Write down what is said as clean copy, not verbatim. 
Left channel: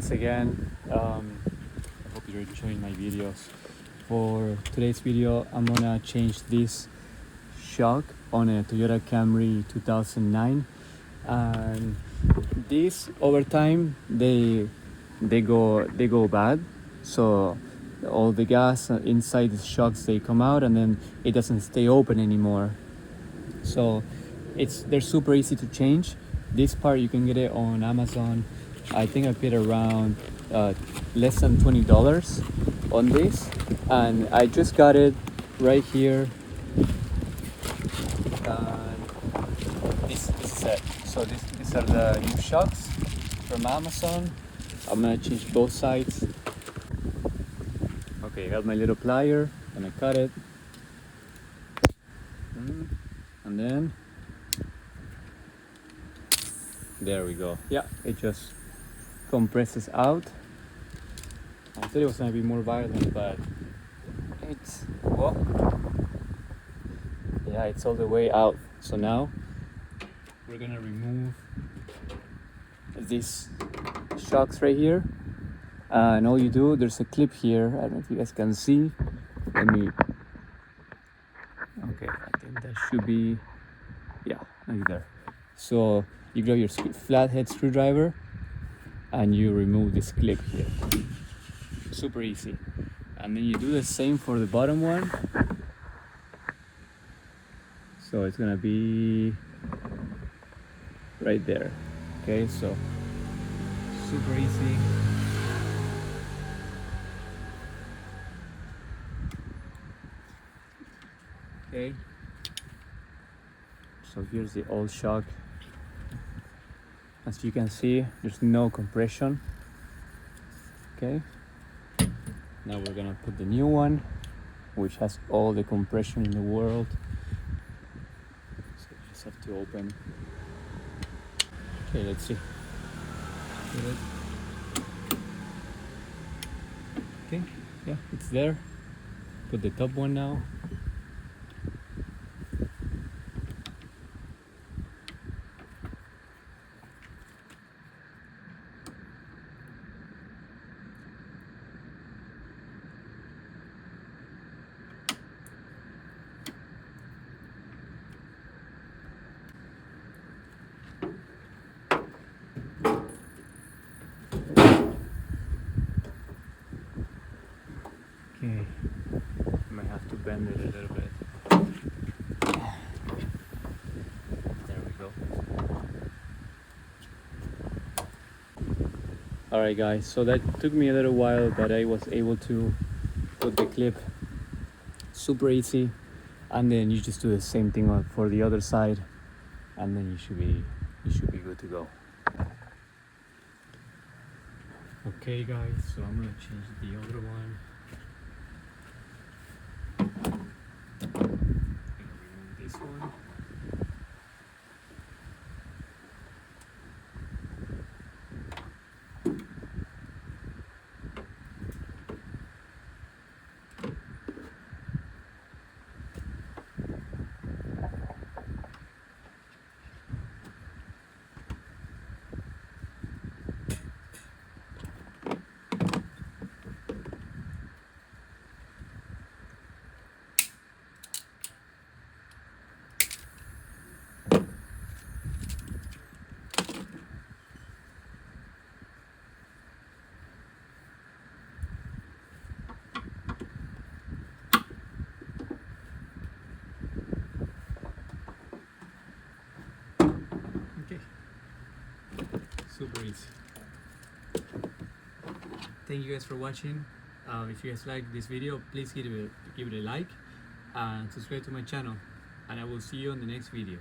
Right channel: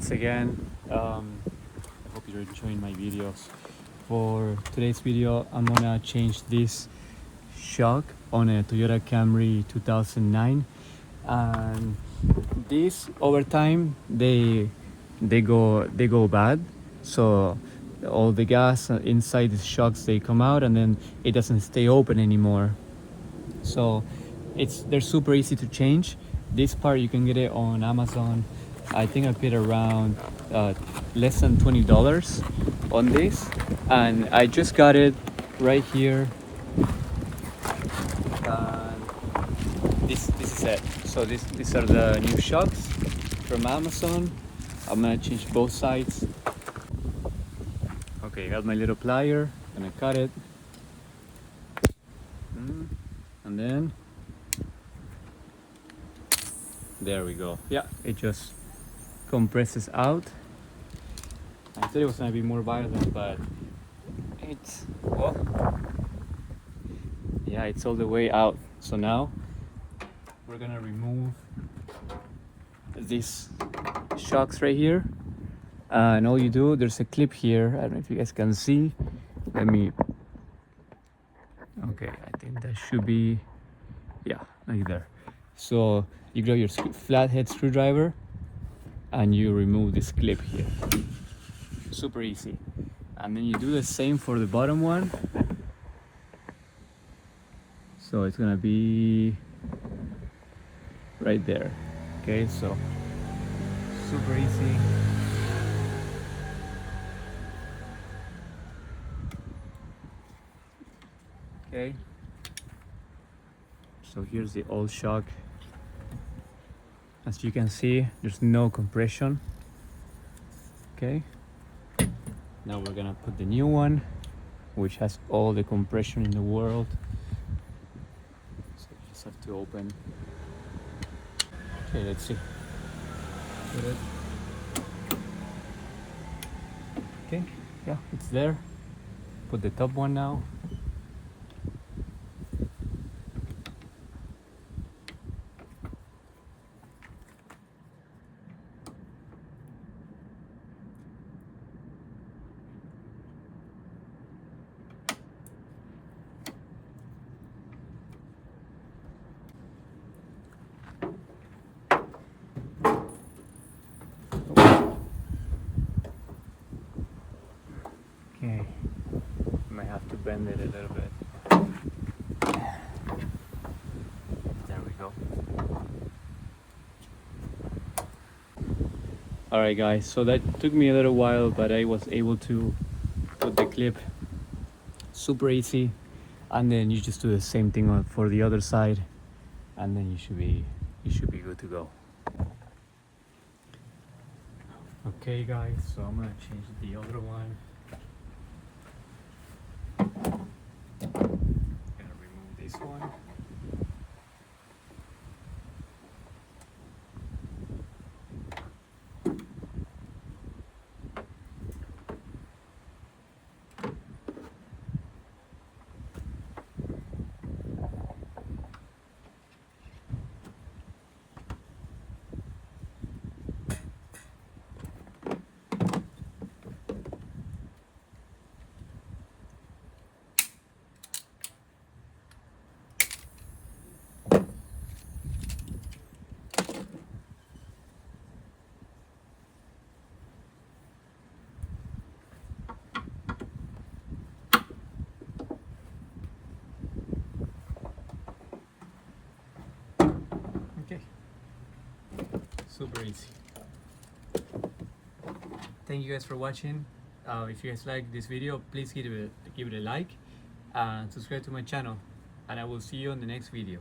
once again. Hope you're enjoying my videos. For today's video, I'm gonna change this shock on a Toyota Camry 2009. And these over time they go bad. So all the gas inside the shocks, they come out and then it doesn't stay open anymore. So they're super easy to change. This part you can get it on Amazon. I think I paid around less than $20 on this, and I just got it right here. This is it. So these are the new shocks from Amazon. I'm gonna change both sides. Okay, I got my little plier and I cut it, and then there we go. Yeah, it just compresses out. I thought it was gonna be more violent, but it's, well, yeah, it's all the way out. So now we're gonna remove these shocks right here, and all you do, there's a clip here. I don't know if you guys can see. Let me, okay, I think that should be, yeah, right there. So you grab your flathead screwdriver and you remove this clip here. Super easy. And then you do the same for the bottom one. So it's gonna be right there. Okay, so super easy. Okay, so here's the old shock. As you can see, there's no compression. Okay, now we're gonna put the new one, which has all the compression in the world. So you just have to open. Okay, let's see. Put it. Okay, yeah, it's there. Put the top one now. Okay, might have to bend it a little bit. There we go. Alright guys, so that took me a little while, but I was able to put the clip. Super easy. And then you just do the same thing for the other side, and then you should be good to go. Okay guys, so I'm gonna change the other one. Gonna remove this one. Super easy. Thank you guys for watching. If you guys like this video, please give it a like and subscribe to my channel, and I will see you on the next video.